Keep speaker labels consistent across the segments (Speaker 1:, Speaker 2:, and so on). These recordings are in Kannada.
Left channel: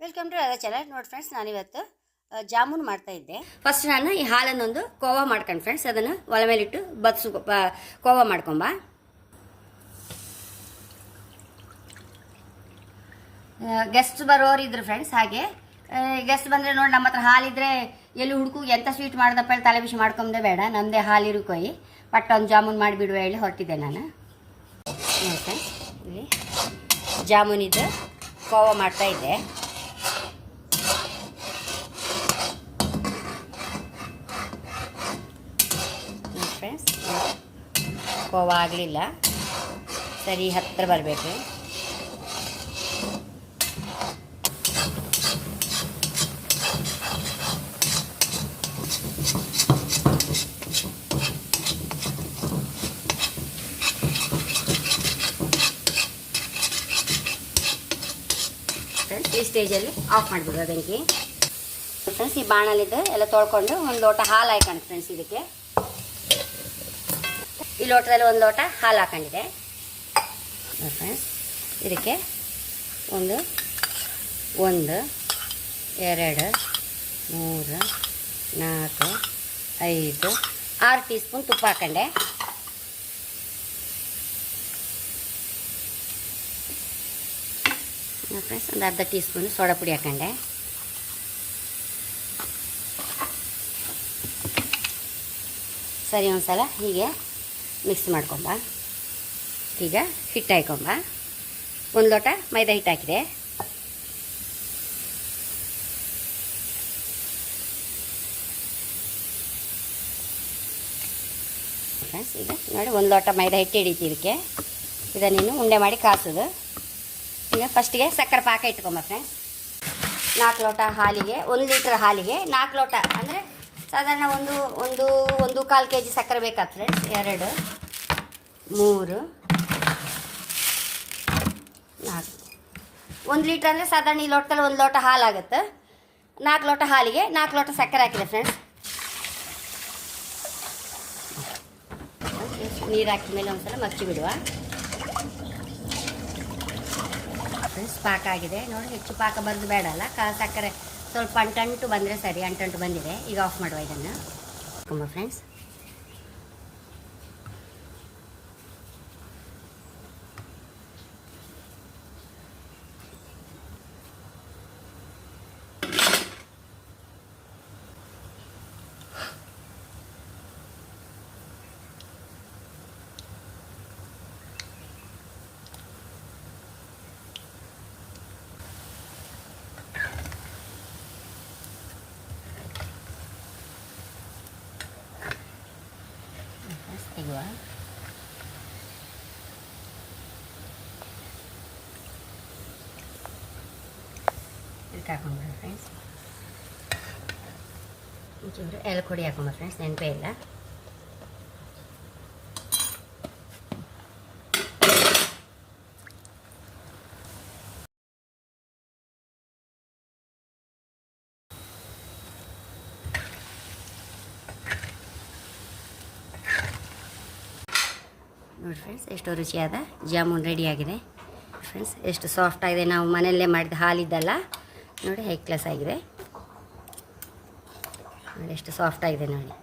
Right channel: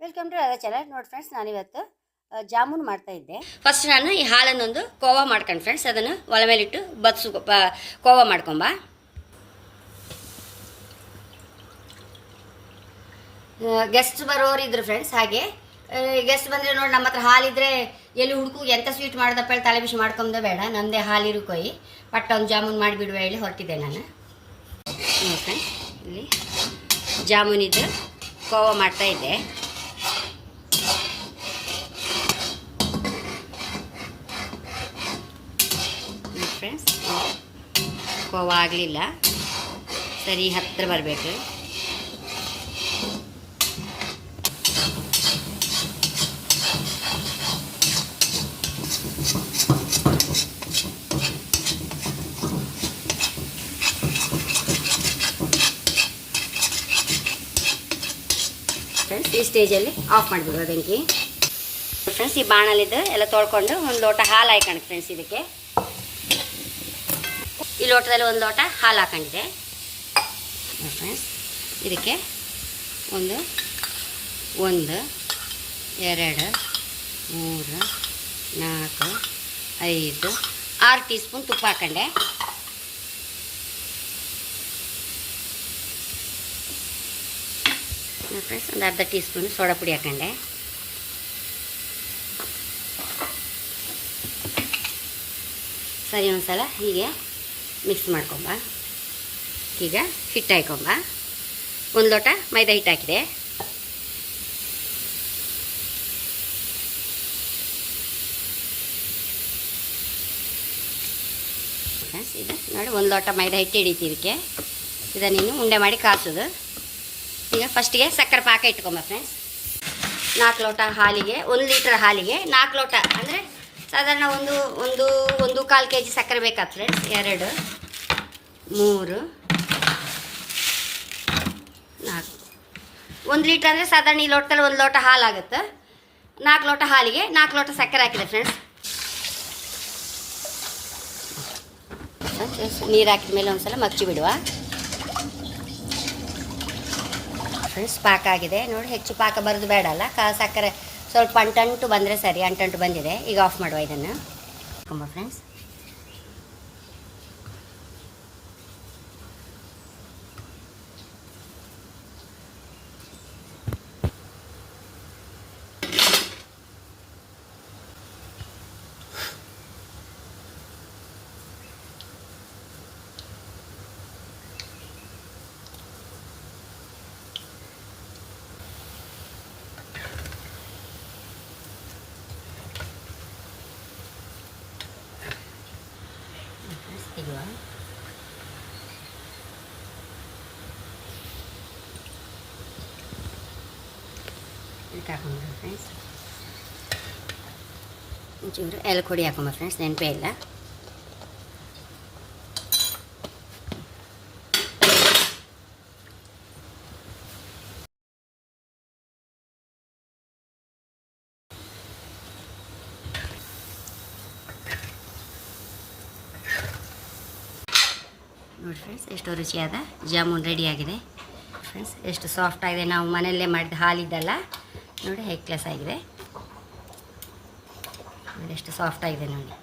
Speaker 1: ವೆಲ್ಕಮ್ ಟು ರಾಧಾ ಚಾನಲ್ ನೋಡಿ ಫ್ರೆಂಡ್ಸ್ ನಾನಿವತ್ತು ಜಾಮೂನ್ ಮಾಡ್ತಾ ಇದ್ದೆ. ಫಸ್ಟ್ ನಾನು ಈ ಹಾಲನ್ನೊಂದು ಕೋವಾ ಮಾಡ್ಕೊಂಡು ಫ್ರೆಂಡ್ಸ್ ಅದನ್ನು ಒಲೆ ಮೇಲಿಟ್ಟು ಬತ್ಸು ಕೋವಾ ಮಾಡ್ಕೊಂಬ. ಗೆಸ್ಟ್ ಬರೋರು ಇದ್ರು ಫ್ರೆಂಡ್ಸ್ ಹಾಗೆ ಗೆಸ್ಟ್ ಬಂದರೆ ನೋಡಿ ನಮ್ಮ ಹತ್ರ ಹಾಲಿದ್ರೆ ಎಲ್ಲಿ ಹುಡುಕು ಎಂಥ ಸ್ವೀಟ್ ಮಾಡ್ದಪ್ಪ ಹೇಳಿ ತಲೆ ಬಿಸಿ ಮಾಡ್ಕೊಂಡೆ ಬೇಡ ನಮ್ಮದೇ ಹಾಲಿರು ಕೊಯ್. ಪಟ್ಟ ಒಂದು ಜಾಮೂನ್ ಮಾಡಿಬಿಡುವ ಹೇಳಿ ಹೊರಟಿದ್ದೆ ನಾನು. ಫ್ರೆಂಡ್ಸ್ ಇಲ್ಲಿ ಜಾಮೂನಿದ್ದು ಕೋವಾ ಮಾಡ್ತಾ ಇದ್ದೆ ಫ್ರೆಂಡ್ಸ್ ಕೋವಾ ಆಗಲಿಲ್ಲ ಸರಿ ಹತ್ತಿರ ಬರಬೇಕು. ಫ್ರೆಂಡ್ಸ್ ಈ ಸ್ಟೇಜಲ್ಲಿ ಆಫ್ ಮಾಡಿಬಿಡೋ ಬೆಂಕಿ. ಫ್ರೆಂಡ್ಸ್ ಈ ಬಾಣಲಿದ್ದು ಎಲ್ಲ ತೊಳ್ಕೊಂಡು ಒಂದು ಲೋಟ ಹಾಲು ಹಾಯ್ಕೊಂಡು ಫ್ರೆಂಡ್ಸ್ ಇದಕ್ಕೆ. ಈ ಲೋಟದಲ್ಲಿ ಒಂದು ಲೋಟ ಹಾಲು ಹಾಕೊಂಡಿದೆ. ಫ್ರೆಂಡ್ಸ್ ಇದಕ್ಕೆ ಒಂದು ಒಂದು, ಎರಡು, ಮೂರು, ನಾಲ್ಕು, ಐದು, ಆರು ಟೀ ಸ್ಪೂನ್ ತುಪ್ಪ ಹಾಕೊಂಡೆ. ಫ್ರೆಂಡ್ಸ್ ಒಂದು ಅರ್ಧ ಟೀ ಸ್ಪೂನ್ ಸೋಡಾ ಪುಡಿ ಹಾಕೊಂಡೆ. ಸರಿ ಒಂದು ಸಲ ಹೀಗೆ ಮಿಕ್ಸ್ ಮಾಡ್ಕೊಂಬ. ಈಗ ಹಿಟ್ಟು ಹಾಕೊಂಬ. ಒಂದು ಲೋಟ ಮೈದಾ ಹಿಟ್ಟು ಹಾಕಿದೆ. ಫ್ರೆಂಡ್ಸ್, ಇದು ನೋಡಿ, ಒಂದು ಲೋಟ ಮೈದಾ ಹಿಟ್ಟು ಹಿಡಿತಿ ಇದಕ್ಕೆ. ಇದನ್ನು ನೀನು ಉಂಡೆ ಮಾಡಿ ಕಾಸೋದು. ಈಗ ಫಸ್ಟಿಗೆ ಸಕ್ಕರೆ ಪಾಕ ಇಟ್ಕೊಂಬ, ಫ್ರೆಂಡ್ಸ್. ನಾಲ್ಕು ಲೋಟ ಹಾಲಿಗೆ, ಒಂದು ಲೀಟ್ರ್ ಹಾಲಿಗೆ ನಾಲ್ಕು ಲೋಟ, ಅಂದರೆ ಸಾಧಾರಣ ಒಂದು ಒಂದು ಒಂದು ಕಾಲು ಕೆ ಜಿ ಸಕ್ಕರೆ ಬೇಕಾಗ್ತದೆ ಫ್ರೆಂಡ್ಸ್ ಎರಡು, ಮೂರು, ನಾಲ್ಕು. ಒಂದು ಲೀಟ್ರ್ ಅಂದರೆ ಸಾಧಾರಣ ಈ ಲೋಟದಲ್ಲಿ ಒಂದು ಲೋಟ ಹಾಲು ಆಗುತ್ತೆ ನಾಲ್ಕು ಲೋಟ ಹಾಲಿಗೆ ನಾಲ್ಕು ಲೋಟ ಸಕ್ಕರೆ ಹಾಕಿದೆ ಫ್ರೆಂಡ್ಸ್ ನೀರು ಹಾಕಿದ ಮೇಲೆ ಒಂದು ಸಲ ಮಚ್ಚಿ ಬಿಡುವ. ಫ್ರೆಂಡ್ಸ್ ಪಾಕ ಆಗಿದೆ. ನೋಡಿ ಹೆಚ್ಚು ಪಾಕ ಬರೋದು ಬೇಡಲ್ಲ ಕಾ ಸಕ್ಕರೆ ಸ್ವಲ್ಪ ಅಂಟಂಟು ಬಂದರೆ ಸರಿ ಅಂಟಂಟು ಬಂದಿದೆ. ಈಗ ಆಫ್ ಮಾಡುವ ಇದನ್ನು. ತುಂಬ ಫ್ರೆಂಡ್ಸ್ ಫ್ರೆಂಡ್ಸ್ ತೆಗುವ ಇದಕ್ಕೆ ಹಾಕೊಂಡ್ರೆ ಫ್ರೆಂಡ್ಸ್ ಒಂಚೂರು ಎಲೆ ಕೊಡಿ ಹಾಕೊಂಬ ಫ್ರೆಂಡ್ಸ್ ನೆನಪೇ ಇಲ್ಲ ನೋಡಿ ಫ್ರೆಂಡ್ಸ್ ಎಷ್ಟು ರುಚಿಯಾದ ಜಾಮೂನ್ ರೆಡಿಯಾಗಿದೆ. ಫ್ರೆಂಡ್ಸ್ ಎಷ್ಟು ಸಾಫ್ಟ್ ಆಗಿದೆ. ನಾವು ಮನೆಯಲ್ಲೇ ಮಾಡಿದ ಹಾಲಿದ್ದಲ್ಲ. ನೋಡಿ ಹೈ ಕ್ಲಾಸ್ ಆಗಿದೆ ಎಷ್ಟು ಸಾಫ್ಟ್ ಆಗಿದೆ ನೋಡಿ.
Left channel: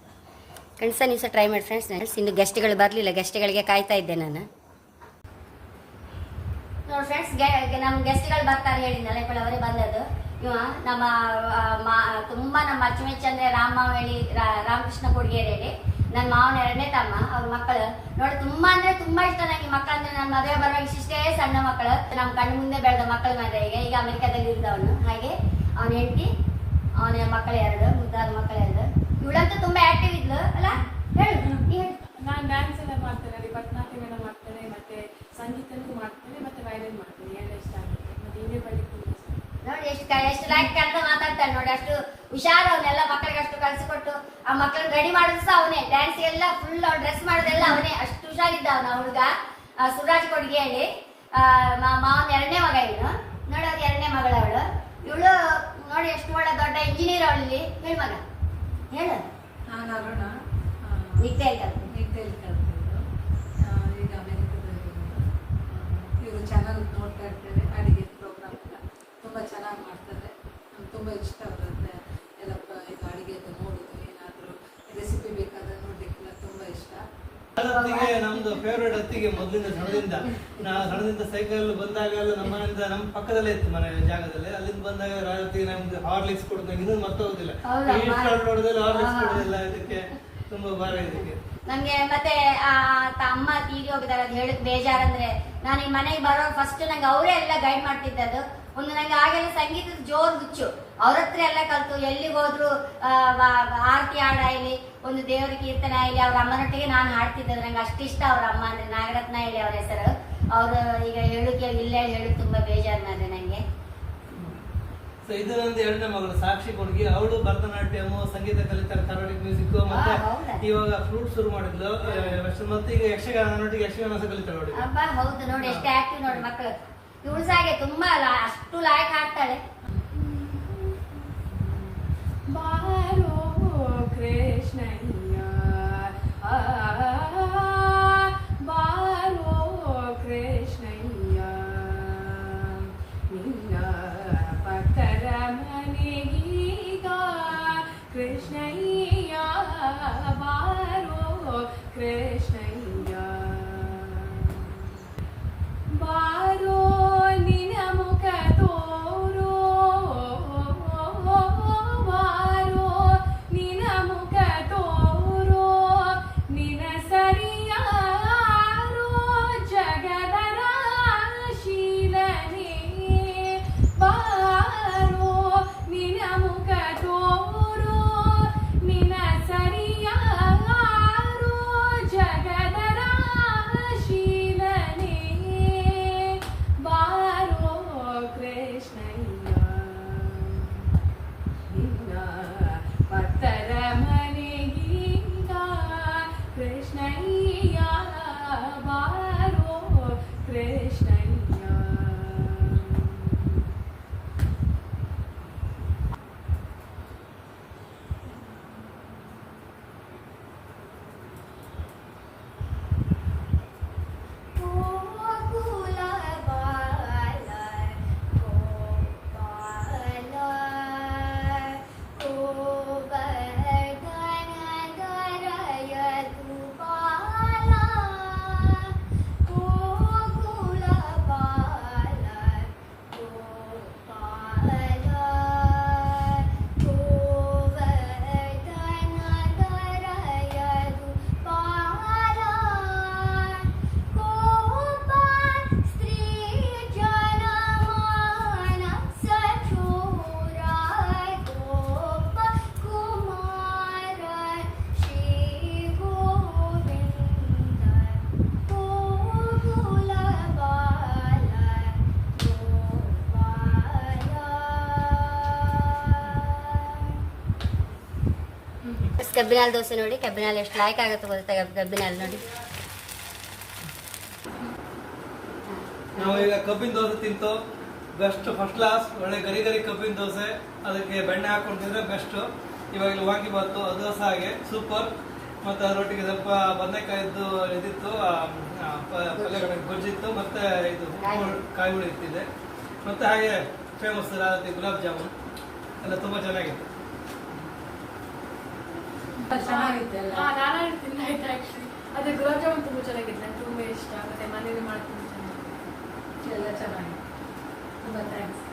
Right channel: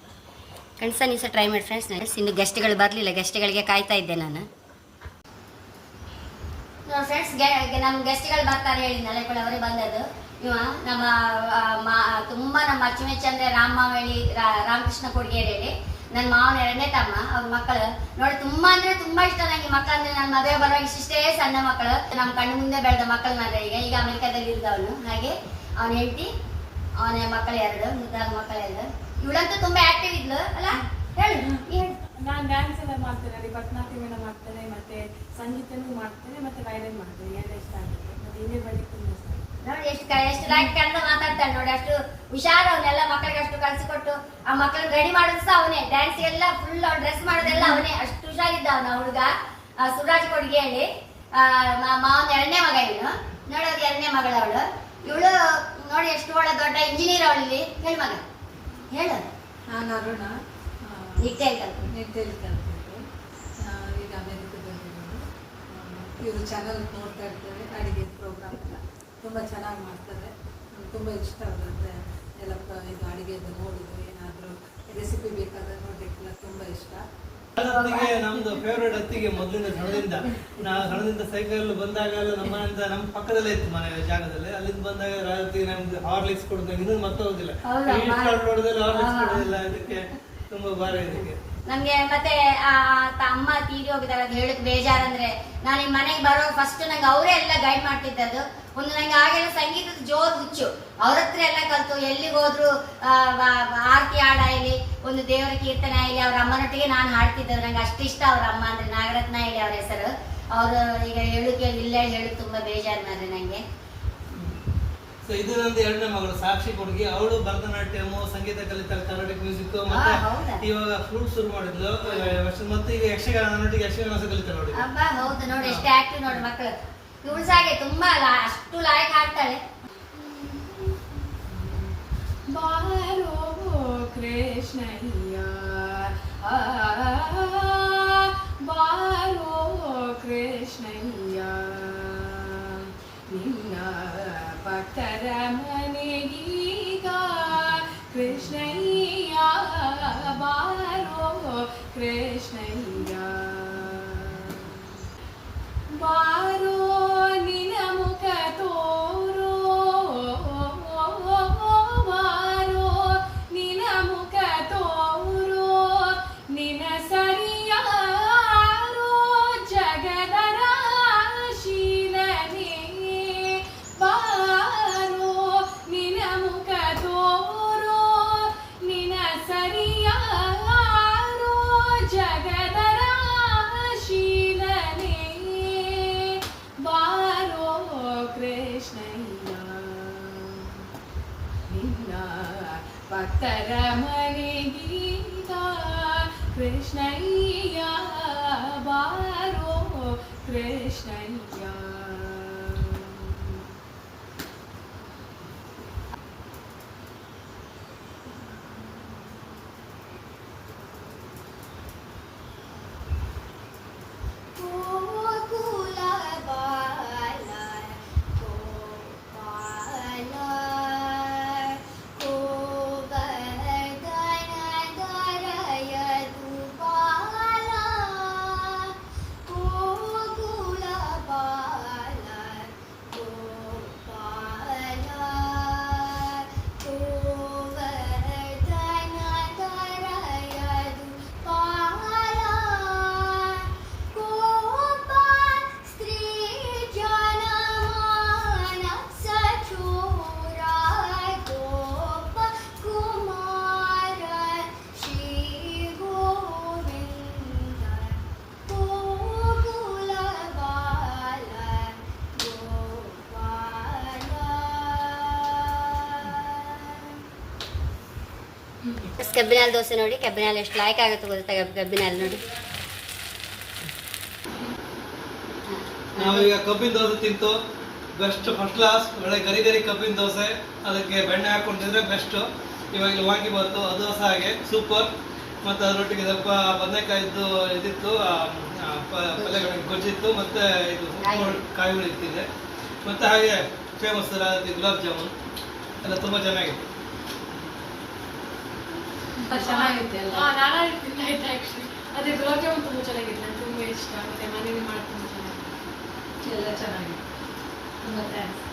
Speaker 1: ಫ್ರೆಂಡ್ಸ ನೀವು ಸಹ ಟ್ರೈ ಮಾಡಿ ಫ್ರೆಂಡ್ಸ್ ನಾನು ಇನ್ನು ಗೆಸ್ಟ್ಗಳು ಬರಲಿಲ್ಲ. ಗೆಸ್ಟ್ಗಳಿಗೆ ಕಾಯ್ತಾ ಇದ್ದೆ ನಾನು. ಫ್ರೆಂಡ್ಸ್ ನಮ್ಮ ಗೆಸ್ಟ್ಗಳು ಬರ್ತಾರೆ ಹೇಳಿ ನಲೆಪಳ ಅವರೇ ಬಂದದ್ದು. ಇವ ನಮ್ಮ ತುಂಬ ನಮ್ಮ ಅಚ್ಚುಮೆಚ್ಚಂದ್ರೆ ರಾಮಾವಳಿ ರಾಮಕೃಷ್ಣ ಕೊಡ್ಗೇರಿ ಹೇಳಿ. ನನ್ನ ಮಾವನ ಎರಡನೇ ತಮ್ಮ ಅವ್ರ ಮಕ್ಕಳು. ನೋಡಿ ತುಂಬಾ ಅಂದ್ರೆ ತುಂಬಾ ಇಷ್ಟ ನನಗೆ ಮಕ್ಕಳು ಅಂದ್ರೆ. ನನ್ನ ಮದುವೆ ಬರುವಾಗ ಇಷ್ಟೇ ಸಣ್ಣ ಮಕ್ಕಳು. ನಮ್ಮ ಕಣ್ಣು ಮುಂದೆ ಬೆಳೆದ ಮಕ್ಕಳು ಮಾತ್ರ ಈಗ. ಈಗ ಅಮೆರಿಕಾದಲ್ಲಿ ಇದ್ದವನು ಹಾಗೆ ಅವನ ಹೆಂಡತಿ ಅವನ ಮಕ್ಕಳು ಎರಡು ಮುದ್ದಾದ ಮಕ್ಕಳು ಎರಡು. ಇವಳಂತೂ ತುಂಬಾ ಆಕ್ಟಿವ್ ಇದ್ಲು ಅಲ್ಲ? ಹೇಳು
Speaker 2: ನಾನು ಡ್ಯಾನ್ಸ್ ಎಲ್ಲ ಮಾಡ್ತೇನೆ ರೀ ಭರತನಾಟ್ಯಂ ಎಲ್ಲ ಮಾಡ್ತೇನೆ ಮತ್ತೆ ಸಂಗೀತನೂ ಮಾಡ್ತೇನೆ ಮತ್ತೆ ವಯಲಿನ್ ಮಾಡ್ತೇನೆ. ಎಲ್ಲ ಇಷ್ಟ ಆಗುತ್ತೆ. ಮತ್ತೆ ಇನ್ನೇ ಬಳಿ ತುಂಬ ಇಷ್ಟ
Speaker 1: ನೋಡಿ ಎಷ್ಟು ಎಷ್ಟು ಲೈಕ್ ಕರೆದು ಮಾತಾಡ್ತಾನೆ ನೋಡಿ ಅಷ್ಟು ಹುಷಾರ ಅವನೆಲ್ಲ ಮಕ್ಕಳಿಗೆ ಅಷ್ಟು ಕಲಿಸಿಕೊಟ್ಟು ಆ ಮಕ್ಕಳ ರೆಡಿ ಮಾಡೋದು ಸಹ ಅವನೇ. ಡ್ಯಾನ್ಸ್ ಎಲ್ಲ ಫುಲ್ ಡ್ರೆಸ್ ಮಾಡೋದೆಲ್ಲ ಅವನೇ. ಅಷ್ಟು ಹುಷಾರಿದ್ದ ಅವನ ಹುಡುಗ. ಸುರಾಜ್ ಕೊಡ್ಗೆ ಹೇಳಿ. ಮಾವನ ಎರಡನೇ ಮಗ ಇವನು. ನೋಡಿ ಅವ್ರ ಎರಡನೇ ಮಗಳವಳು ಅವಳು. ಇವಳು ನೋಡಿ ಎಷ್ಟು ಒಳ್ಳೆ ದೊಡ್ಡ ಇಂಜಿನಿಯರ್ ಅವಳಲ್ಲಿ ಹೇಳಿ ಮಗ. ಹೇಳು.
Speaker 2: ನಾನು ಅರುಣ.
Speaker 1: ನಿತ್ಯ
Speaker 2: ಈಗ ಅಮೆರಿಕದಲ್ಲಿ ಇವರು ಚಾನಲ್ ನೋಡ್ತಾ ಇರ್ತೇವೆ ಅಡಿಗೆ ಪ್ರೋಗ್ರಾಮ್ ತುಂಬಾ
Speaker 3: ತುಂಬ ಚೆನ್ನಾಗಿ ಮಾಡ್ತಾರೆ. ತುಂಬ ಇಷ್ಟ ಆಗುತ್ತೆ. ಎಲ್ಲ ಇದು ಅಡುಗೆದು ಏನಾದರೂ ರೆಸಿಪಿ ಬೇಕಾದ್ರೆ ನೋಡಲಿಕ್ಕೆಲ್ಲ ತುಂಬ ಇಷ್ಟ.
Speaker 4: ಅತ್ತಿಗೆ ನಮ್ದು ಫೇವ್ರೇಟ್ ಅತ್ತಿಗೆ ಮೊದಲಿಂದ ಸಣ್ಣದಿಂದ. ನಾ ಸಣ್ಣದಿಂದ ಸೈಕಲ್ ಬಂದಾಗ ನಮ್ಮ ಮನೆಯಿಂದ ನಮ್ಮ ಪಕ್ಕದಲ್ಲೇ ಇತ್ತು ಮನೆ ಜಾಗದಲ್ಲಿ. ಅಲ್ಲಿಂದ ಬಂದಾಗ ರಾತ್ರಿ ನಮ್ಗೆ ಹಾರ್ಲಿಕ್ಸ್ ಕೊಡೋದು ಇನ್ನೂ ಮತ್ತೆ ಹೋಗುದಿಲ್ಲ. ನೋಡಿದ್ರೆ ಹಾರ್ಲಿಕ್ಸ್. ಕೊಡೋದಿಲ್ಲ. ಇದಕ್ಕೆ ತುಂಬಾ ಭಾರ ಇದಕ್ಕೆ
Speaker 1: ನಂಗೆ ಮತ್ತೆ ಆ ತಮ್ಮ ತೀರಿ ಅದು ಹೇಳಕ್ ಬೇಜಾರಂದ್ರೆ ನಾನು ಈ ಮನೆಗೆ ಬರೋ ಫಸ್ಟ್ ನಂಗೆ ಅವರೇ ಎಲ್ಲ ಗೈಡ್ ಮಾಡ್ತಿದ್ದದ್ದು. ಒಂದು ನಂಗೆ ಆಗೆಲ್ಲ ಸಂಗೀತದ ಜೋರ್ ಹುಚ್ಚು. ಅವ್ರ ಹತ್ರ ಎಲ್ಲ ಕಲ್ತು ಎಲ್ಲಿಗೆ ಹೋದ್ರು ಆ, ವ- ವ- ಆರತಿ ಹಾಡ ಇಲ್ಲಿ ಒಂದು ದೇವರ ಕೀರ್ತನೆ ಇಲ್ಲಿ ಅವ್ರ ಅಮ್ಮನೊಟ್ಟಿಗೆ ನಾನು ಹಾಡ್ತಿದ್ದೆ ನಂಗೆ ಅಷ್ಟಿಷ್ಟ ಅವ್ರ ಅಮ್ಮ ಅಂದ್ರೆ. ನಾಗರತ್ನ ಇಲ್ಲಿ ಅವ್ರ ಹೆಸರು. ಅವರು ಈಗ ಹೇಳಕ್ಕೆ ಇಲ್ಲೇ ಹೇಳಿ ತುಂಬಾ ಬೇಜಾರು ಮಾಡ್ರೆ ನಂಗೆ.
Speaker 4: ಸೊ ಇದು ನಂದು ಎರಡನೇ ಮಗಳು ಸಾಕ್ಷಿ ಕೊಡುಗೆ. ಅವಳು ಭರತನಾಟ್ಯಮು ಸಂಗೀತ ಕಲಿತಾರೆ ಕರ್ನಾಟಕ ಮ್ಯೂಸಿಕ್ ಮತ್ತೆ? ಇವಾಗ ಫ್ಲೂಟ್ ಶುರು ಮಾಡಿದ್ಲು. ಮತ್ತೆ ಈಗ ಯಕ್ಷಗಾನ ಯಕ್ಷಗಾನ ಸಹ ಕಲಿತಾಳೆ ನೋಡಿ
Speaker 1: ಹೌದು. ನೋಡಿ ಎಷ್ಟು ಆಕ್ಟಿವ್ ನೋಡಿ ಮಕ್ಕಳು ಇವಳು ತುಂಬಾ ಲಾ- ಅಷ್ಟು ಲಾಯಕ್ ಹಾಡ್ತಾಳೆ
Speaker 2: ಬಾರೋ ಕೃಷ್ಣಯ್ಯ ಆ, ಬಾರೋ ಕೃಷ್ಣಯ್ಯ ನಿನ್ನ ಭಕ್ತರ ಮನೆಗೀಗ ಕೃಷ್ಣಯ್ಯ ಬಾರೋ ಕೃಷ್ಣಯ್ಯ रमणि
Speaker 1: गीता कृष्णै ಗೋಪಾಲ ಕಬ್ಬಿನಾಲ್ ದೋಸೆ ನೋಡಿ, ಕಬ್ಬಿನಾಲ್ ಎಷ್ಟು ಲಾಯ್ಕ್ ಆಗುತ್ತೆ ಗೊತ್ತಾ? ಕಬ್ಬಿನ ಹಾಲು ನೋಡಿ.
Speaker 4: ನಾವೀಗ ಕಬ್ಬಿನ ದೋಸೆ ತಿಂತು. ಬೆಸ್ಟ್ ಫಸ್ಟ್ ಕ್ಲಾಸ್ ಒಳ್ಳೆ ಗರಿ ಗರಿ ಕಬ್ಬಿನ ದೋಸೆ. ಅದಕ್ಕೆ ಬೆಣ್ಣೆ ಹಾಕೊಂಡಿದ್ರೆ ತಿಂದ್ರೆ ಬೆಸ್ಟ್ ಇವಾಗ ವಾಂಗಿ ಬಂತು, ಅದು ಸಹ ಹಾಗೆ. ಸೂಪರ್ ಮತ್ತು ಅದರೊಟ್ಟಿಗೆ ಸ್ವಲ್ಪ ಬದನೆಕಾಯಿದ್ದು ಇದಿತ್ತು ಗೊಜ್ಜಿತ್ತು, ಮತ್ತೆ ಇದು ಕಾಯಿಗಳು ಇತ್ತಿದೆ ಮತ್ತೆ ಹಾಗೆ ಫೇಮಸ್ ಗುಲಾಬ್ ಜಾಮೂನ್. ಎಲ್ಲ ತುಂಬ ಚೆನ್ನಾಗಿತ್ತು.
Speaker 3: ಚೆನ್ನಾಗಿತ್ತು ಎಲ್ಲ
Speaker 2: ಹಾ, ನಾನು ಹೇಳ್ತೀನಿ ಆಯ್ತು ಆ್ಯಕ್ಚುಲಿ ಅದೇ ಗುಲಾಬ್ ಜಾಮೂನ್ ತುಂಬ ಚೆನ್ನಾಗಿತ್ತು ನಂಗೆ ತುಂಬ ಇಷ್ಟ. ಮತ್ತೆ ಮನೇಲಿ ಮಾಡ್ತೀನಿ. ಚೆನ್ನಾಗಿ
Speaker 3: ಎಲ್ಲ ಚೆನ್ನಾಗಿತ್ತು ತುಂಬ ಥ್ಯಾಂಕ್ಸ್